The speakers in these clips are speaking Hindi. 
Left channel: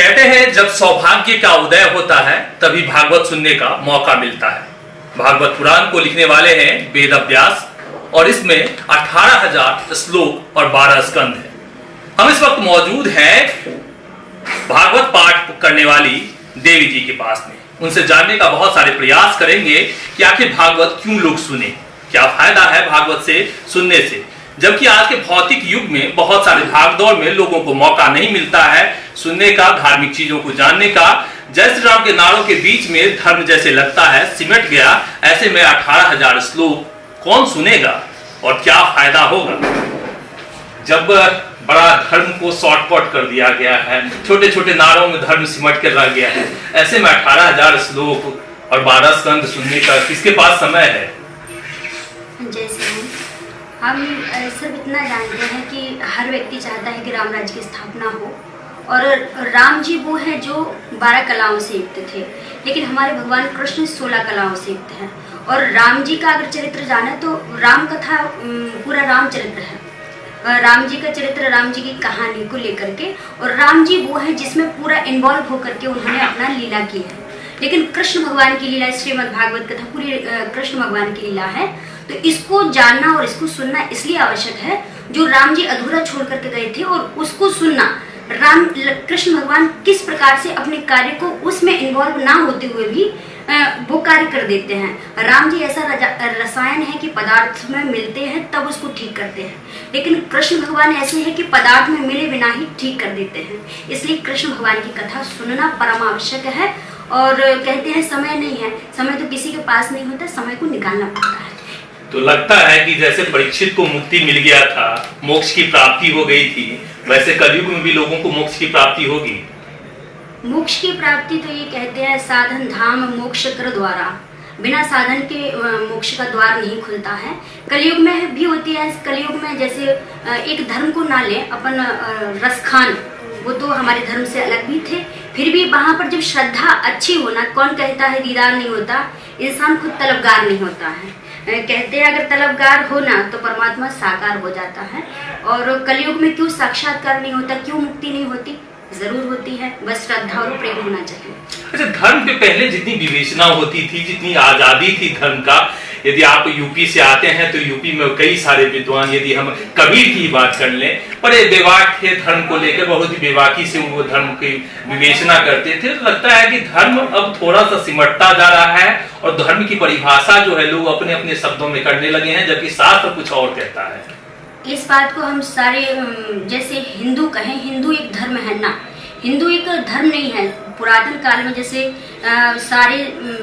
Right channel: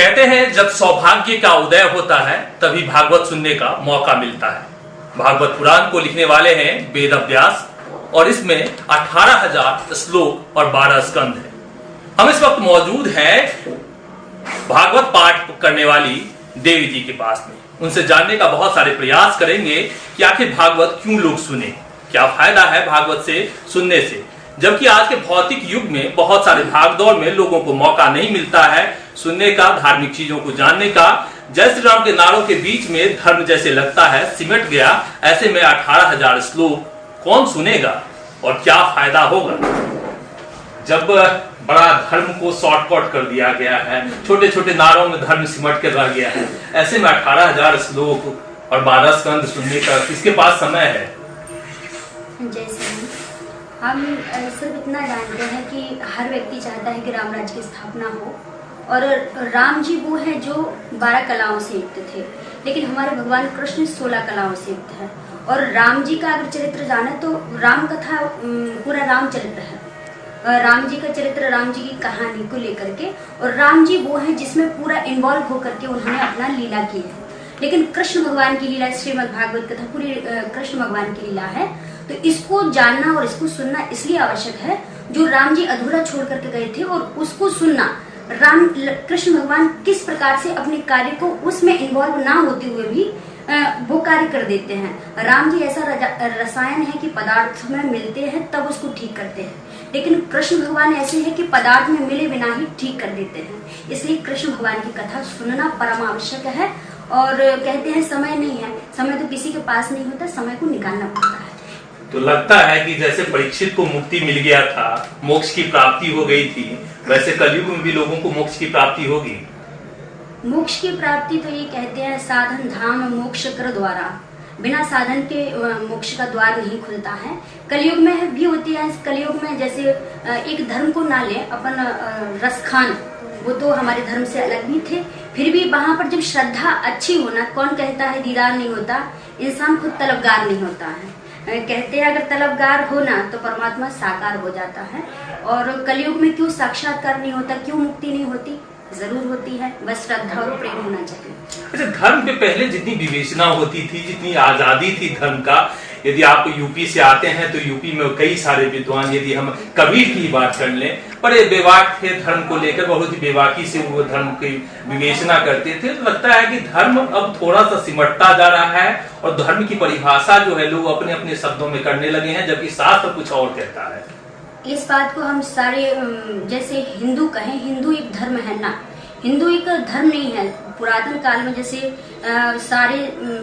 कहते हैं जब सौभाग्य का उदय होता है तभी भागवत सुनने का मौका मिलता है। भागवत पुराण को लिखने वाले हैं वेद व्यास और इसमें 18,000 श्लोक और 12 स्कंद है। हम इस वक्त मौजूद हैं भागवत पाठ करने वाली देवी जी के पास में। उनसे जानने का बहुत सारे प्रयास करेंगे कि आखिर भागवत क्यों लोग सुने, क्या फायदा है भागवत से सुनने से, जबकि आज के भौतिक युग में बहुत सारे भागदौड़ में लोगों को मौका नहीं मिलता है सुनने का, धार्मिक चीजों को जानने का। जय श्री राम के नारों के बीच में धर्म जैसे लगता है सिमट गया। ऐसे में 18,000 श्लोक कौन सुनेगा और क्या फायदा होगा जब बड़ा धर्म को शॉर्टकट कर दिया गया है, छोटे छोटे नारों में धर्म सिमट कर रह गया है। ऐसे में 18,000 श्लोक और 12 स्कंद सुनने का किसके पास समय है? जैसे हम सिर्फ इतना जानते हैं कि हर व्यक्ति चाहता है कि राम राज्य की स्थापना हो और राम जी वो हैं जो 12 कलाओं से युक्त थे, लेकिन हमारे भगवान कृष्ण 16 कलाओं से युक्त हैं। और राम जी का अगर चरित्र जाने तो राम कथा पूरा राम चरित्र है, राम जी का चरित्र, राम जी की कहानी को लेकर के। और राम जी वो हैं जिसमें पूरा इन्वॉल्व होकर के उन्होंने अपना लीला की है। लेकिन कृष्ण भगवान की लीला, श्रीमद् भागवत कथा पूरी कृष्ण भगवान की लीला है। तो इसको जानना और इसको सुनना इसलिए आवश्यक है जो राम जी अधूरा छोड़ करके गए थे, और उसको सुनना राम कृष्ण भगवान किस प्रकार से अपने कार्य को उसमें इन्वॉल्व ना होते हुए भी वो कार्य कर देते हैं। राम जी ऐसा रसायन है कि पदार्थ में मिलते हैं तब उसको ठीक करते हैं, लेकिन कृष्ण भगवान ऐसे हैं कि पदार्थ में मिले बिना ही ठीक कर देते हैं। इसलिए कृष्ण भगवान की कथा सुनना परम आवश्यक है। और कहते हैं समय नहीं है, समय तो किसी के पास नहीं होता, समय को निकालना पड़ता है। तो लगता है कि जैसे परीक्षित को मुक्ति मिल गया था, मोक्ष की प्राप्ति हो गई थी, वैसे कलयुग में भी लोगों को मोक्ष की प्राप्ति होगी। मोक्ष की प्राप्ति तो ये कहते हैं साधन धाम मोक्ष कर द्वारा, बिना साधन के मोक्ष का द्वार नहीं खुलता है। कलयुग में भी होती है। कलयुग में जैसे एक धर्म को ना ले अपन, रसखान वो तो हमारे धर्म से अलग भी थे, फिर भी वहाँ पर जब श्रद्धा अच्छी होना, कौन कहता है दीदार नहीं होता, इंसान खुद तलबगार नहीं होता है। कहते हैं अगर तलबगार होना तो परमात्मा साकार हो जाता है। और कलयुग में क्यों साक्षात्कार नहीं होता, क्यों मुक्ति नहीं होती? जरूर होती है, बस श्रद्धा और प्रेम होना चाहिए। अच्छा, धर्म के पहले जितनी विवेचना होती थी, जितनी आजादी थी धर्म का, यदि आप यूपी से आते हैं तो यूपी में कई सारे विद्वान, यदि हम कबीर की बात कर लें, बड़े बेबाक थे धर्म को लेकर, बहुत ही बेबाकी से वो धर्म की विवेचना करते थे। तो लगता है कि धर्म अब थोड़ा सा सिमटता जा रहा है और धर्म की परिभाषा जो है लोग अपने अपने शब्दों में करने लगे हैं, जबकि शास्त्र कुछ और कहता है। इस बात को हम सारे, जैसे हिंदू कहें, हिंदू एक धर्म है ना, हिंदू एक धर्म नहीं है। पुरातन काल में जैसे सारे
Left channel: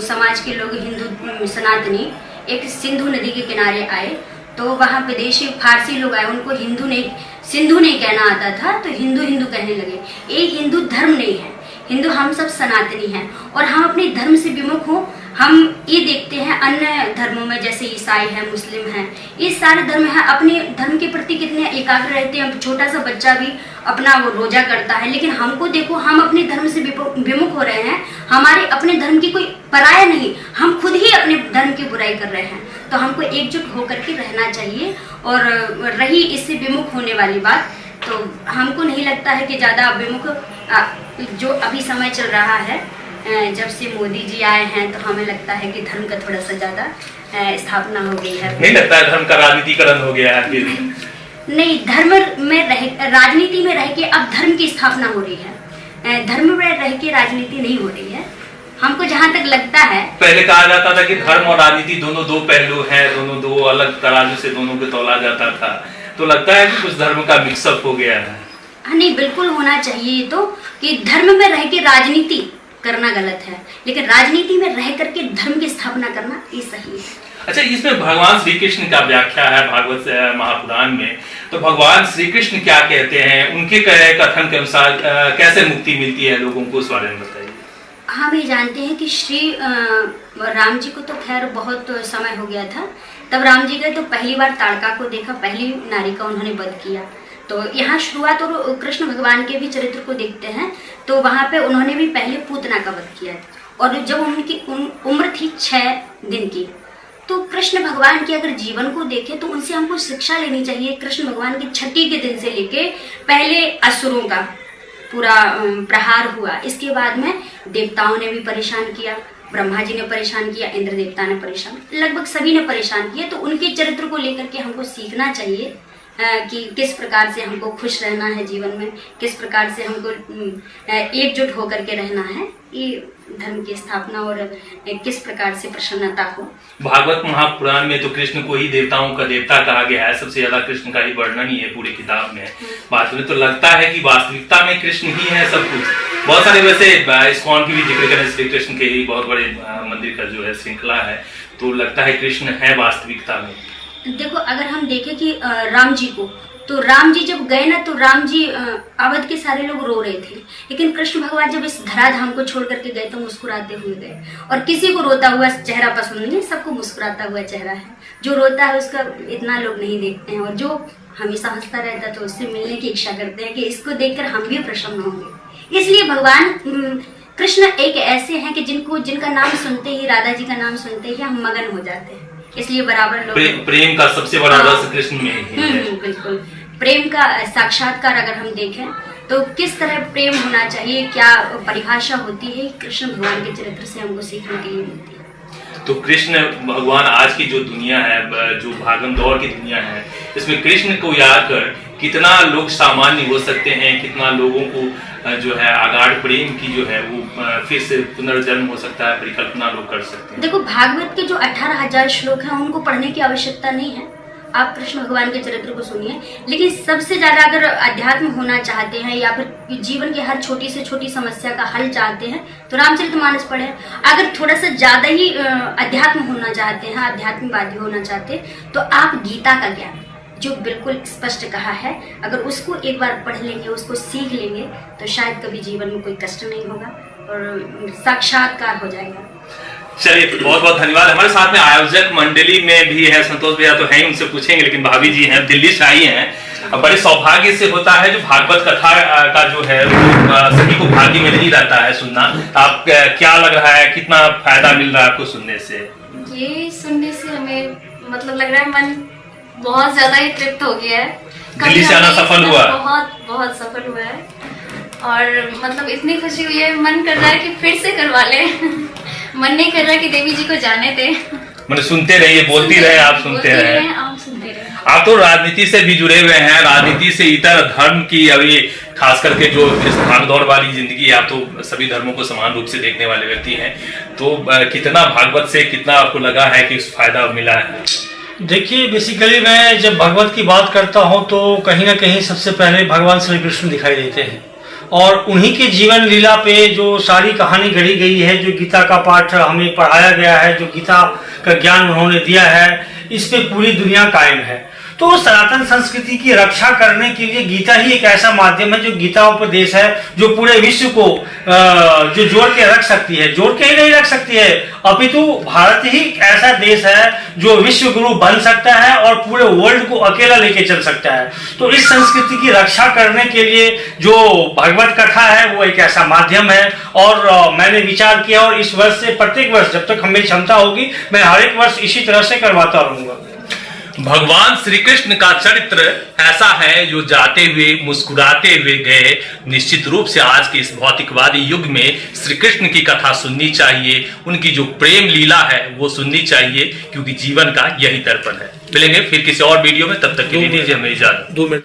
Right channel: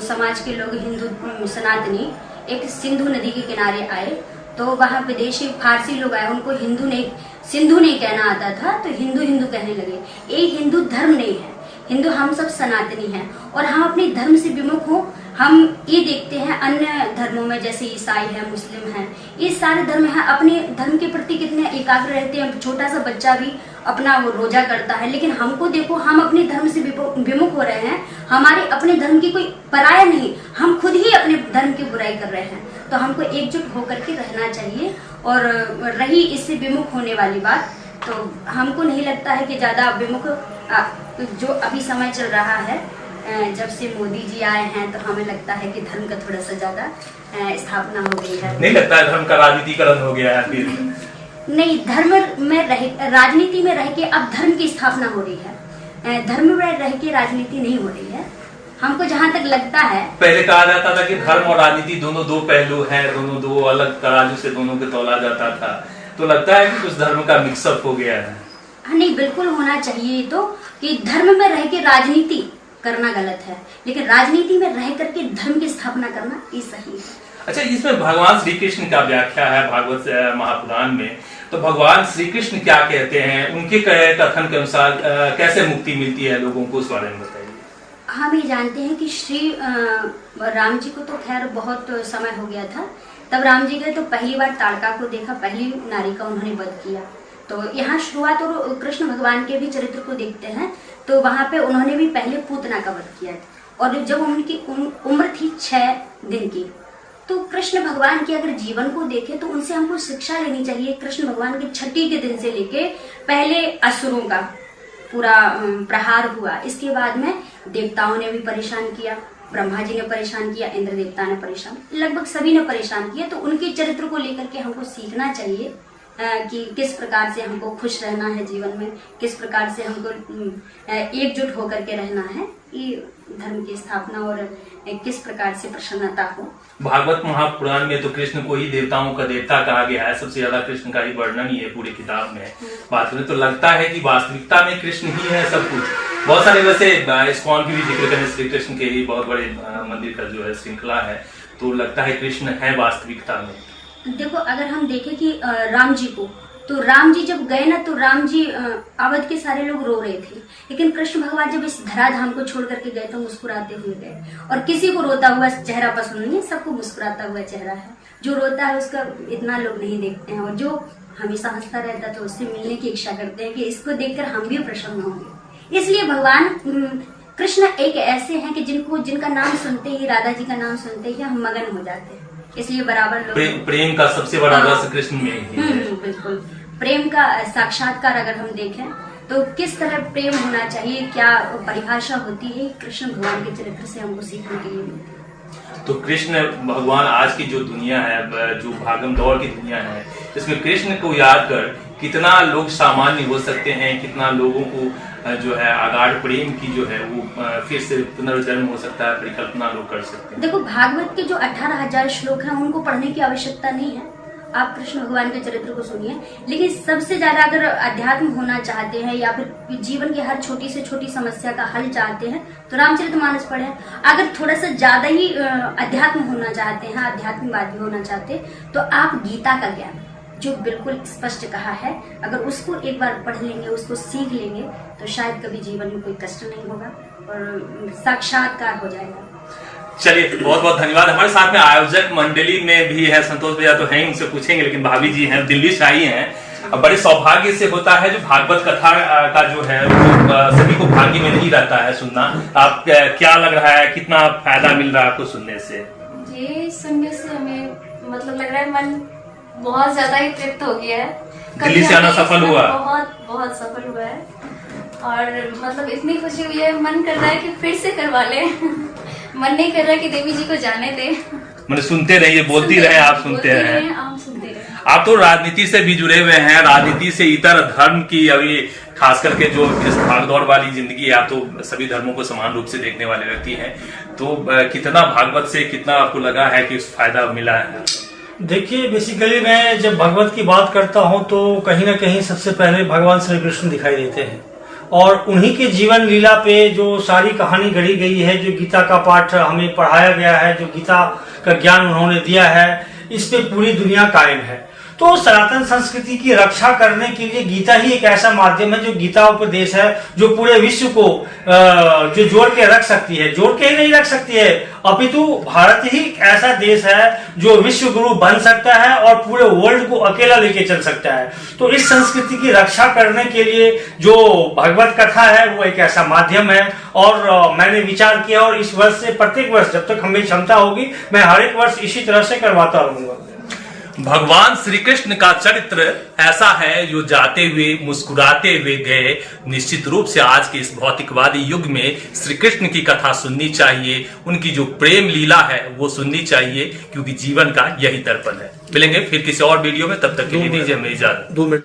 समाज के लोग हिंदू सनातनी एक सिंधु नदी के किनारे आए, तो वहाँ विदेशी फारसी लोग आए, उनको हिंदू नहीं, सिंधु नहीं कहना आता था, तो हिंदू हिंदू कहने लगे। ये हिंदू धर्म नहीं है, हिंदू हम सब सनातनी हैं। और हम अपने धर्म से विमुख हो, हम ये देखते हैं अन्य धर्मों में, जैसे ईसाई है, मुस्लिम है, ये सारे धर्म हैं, अपने धर्म के प्रति कितने एकाग्र रहते हैं। छोटा सा बच्चा भी अपना वो रोजा करता है, लेकिन हमको देखो, हम अपने धर्म से विमुख हो रहे हैं। हमारे अपने धर्म की कोई पराया नहीं, हम खुद ही अपने धर्म की बुराई कर रहे हैं। तो हमको एकजुट होकर के रहना चाहिए। और रही इससे विमुख होने वाली बात, तो हमको नहीं लगता है कि ज्यादा विमुख जो अभी समय चल रहा है, जब से मोदी जी आए हैं, तो हमें लगता है कि धर्म का थोड़ा सा ज्यादा स्थापना हो गई है। नहीं लगता है धर्म का राजनीतिकरण हो गया है? फिर नहीं, धर्म में रह, राजनीति में रह के अब धर्म की स्थापना हो रही है, धर्म में रह के राजनीति नहीं हो रही है, हमको जहाँ तक लगता है। पहले कहा जाता था कि धर्म और राजनीति दोनों दो पहलू हैं, दोनों दो अलग तराजू से दोनों को तौला जाता था। तो लगता है कि कुछ धर्म का मिक्सअप हो गया है। हाँ, नहीं, बिल्कुल होना चाहिए तो, कि धर्म में रह के राजनीति करना गलत है, लेकिन राजनीति में रह करके धर्म की स्थापना करना ये सही है। अच्छा, इसमें भगवान श्री कृष्ण का व्याख्या है भागवत महापुराण में, तो भगवान श्री कृष्ण क्या कहते हैं, उनके कथन के अनुसार कैसे मुक्ति मिलती है लोगों को, उस बारे में बताइए। हम ये जानते हैं कि श्री राम जी को तो खैर बहुत समय हो गया था, तब राम जी गए तो पहली बार ताड़का को देखा, पहली नारी का उन्होंने वध किया। तो यहाँ शुरुआत और कृष्ण भगवान के भी चरित्र को देखते हैं, तो वहाँ पे उन्होंने भी पहले पूतना का वध किया। और जब उनकी उम्र थी 6 दिन की, तो कृष्ण भगवान के अगर जीवन को देखें तो उनसे हमको शिक्षा लेनी चाहिए। कृष्ण भगवान की छठी के दिन से लेके पहले असुरों का, पूरा प्रहार हुआ, इसके बाद में देवताओं ने भी परेशान किया, ब्रह्मा जी ने परेशान किया, इंद्र देवता ने परेशान, लगभग सभी ने परेशान किया। तो उनके चरित्र को लेकर के हमको सीखना चाहिए कि किस प्रकार से हमको खुश रहना है जीवन में, किस प्रकार से हमको एकजुट होकर के रहना है, ये धर्म की स्थापना और किस प्रकार से प्रसन्नता हो। भागवत महापुराण में तो कृष्ण को ही देवताओं का देवता कहा गया है, सबसे ज्यादा कृष्ण का ही वर्णन ही है पूरी किताब में। बात में तो लगता है कि वास्तविकता में कृष्ण ही है सब कुछ। बहुत सारे वैसे इस्कॉन की भी जिक्र करें, श्री कृष्ण के ही बहुत बड़े मंदिर का जो है श्रृंखला है, तो लगता है कृष्ण है वास्तविकता में। देखो, अगर हम देखें कि राम जी को, तो राम जी जब गए ना, तो राम जी अवध के सारे लोग रो रहे थे, लेकिन कृष्ण भगवान जब इस धराधाम को छोड़ करके गए तो मुस्कुराते हुए गए। और किसी को रोता हुआ चेहरा पसंद नहीं, सबको मुस्कुराता हुआ चेहरा है। जो रोता है उसका इतना लोग नहीं देखते हैं, और जो हमेशा हंसता रहता है तो उससे मिलने की इच्छा करते हैं कि इसको देखकर हम भी प्रसन्न होंगे। इसलिए भगवान कृष्ण एक ऐसे हैं कि जिनका नाम सुनते ही, राधा जी का नाम सुनते ही हम मगन हो जाते हैं। इसलिए बराबर लोग प्रेम का सबसे बड़ा रस कृष्ण में ही है। बिल्कुल, प्रेम का साक्षात्कार अगर हम देखें तो किस तरह प्रेम होना चाहिए, क्या परिभाषा होती है, कृष्ण भगवान के चरित्र से हमको सीखने के लिए मिलती है। तो कृष्ण भगवान आज की जो दुनिया है, जो भागम दौड़ की दुनिया है, इसमें कृष्ण को याद कर कितना लोग सामान्य हो सकते हैं, कितना लोगों को जो है अगाढ़ प्रेम की जो है वो फिर से पुनर्जन्म हो सकता है, परिकल्पना लोग कर सकते हैं। देखो, भागवत के जो 18,000 श्लोक हैं उनको पढ़ने की आवश्यकता नहीं है, आप कृष्ण भगवान के चरित्र को सुनिए। लेकिन सबसे ज्यादा अगर अध्यात्म होना चाहते हैं या फिर जीवन की हर छोटी से छोटी समस्या का हल चाहते हैं तो रामचरितमानस पढ़ें। अगर थोड़ा सा ज्यादा ही अध्यात्म होना चाहते हैं, आध्यात्मिकवादी होना चाहते हैं, तो आप गीता का ज्ञान जो बिल्कुल स्पष्ट कहा है, अगर उसको एक बार पढ़ लेंगे, उसको सीख लेंगे, तो शायद कभी जीवन में कोई कष्ट नहीं होगा और साक्षात्कार हो जाएगा। चलिए, बहुत बहुत धन्यवाद। हमारे साथ में आयोजक मंडली में भी है संतोष भैया, तो हैं, उनसे पूछेंगे, लेकिन भाभी जी हैं, दिल्ली से आई हैं। अब बड़े सौभाग्य से होता है जो भागवत कथा का जो है वो सभी को भाग्य में नहीं रहता है सुनना। आप क्या लग रहा है, कितना फायदा मिल रहा है आपको सुनने से? ये सुनने से हमें मतलब लग रहा है मन बहुत ज्यादा ही तृप्त हो गया है। दिल्ली से आना सफल हुआ? बहुत सफल हुआ है, और मतलब इतनी खुशी हुई है, मन कर रहा है कि फिर से करवा ले। मन नहीं कर रहा कि देवी जी को जाने दे। मैंने सुनते रहिए, बोलती रहे, आप सुनते रहे। आप सुनते रहे। आप तो राजनीति से भी जुड़े हुए हैं, राजनीति से इतर धर्म की अभी खास करके जो इस भागदौड़ वाली जिंदगी है, आप तो सभी धर्मों को समान रूप से देखने वाले व्यक्ति हैं, तो कितना भागवत से कितना आपको लगा है कि उस फायदा मिला है? देखिए, बेसिकली मैं जब भगवत की बात करता हूं तो कहीं ना कहीं सबसे पहले भगवान श्री कृष्ण दिखाई देते हैं, और उन्हीं के जीवन लीला पे जो सारी कहानी गढ़ी गई है, जो गीता का पाठ हमें पढ़ाया गया है, जो गीता का ज्ञान उन्होंने दिया है, इस पे पूरी दुनिया कायम है। तो सनातन संस्कृति की रक्षा करने के लिए गीता ही एक ऐसा माध्यम है, जो गीता उपदेश है, जो पूरे विश्व को जो जोड़ के रख सकती है। जोड़ के ही नहीं रख सकती है, अपितु भारत ही ऐसा देश है जो विश्व गुरु बन सकता है और पूरे वर्ल्ड को अकेला लेके चल सकता है। तो इस संस्कृति की रक्षा करने के लिए जो भगवत कथा है वो एक ऐसा माध्यम है, और मैंने विचार किया, और इस वर्ष से प्रत्येक वर्ष जब तक हमें क्षमता होगी मैं हर एक वर्ष इसी तरह से करवाता रहूंगा। भगवान श्री कृष्ण का चरित्र ऐसा है जो जाते हुए मुस्कुराते हुए गए। निश्चित रूप से आज के इस भौतिकवादी युग में श्री कृष्ण की कथा सुननी चाहिए, उनकी जो प्रेम लीला है वो सुननी चाहिए, क्योंकि जीवन का यही दर्पण है। मिलेंगे फिर किसी और वीडियो में, तब तक के लिए दीजिए हमें इजाजत। 2 मिनट।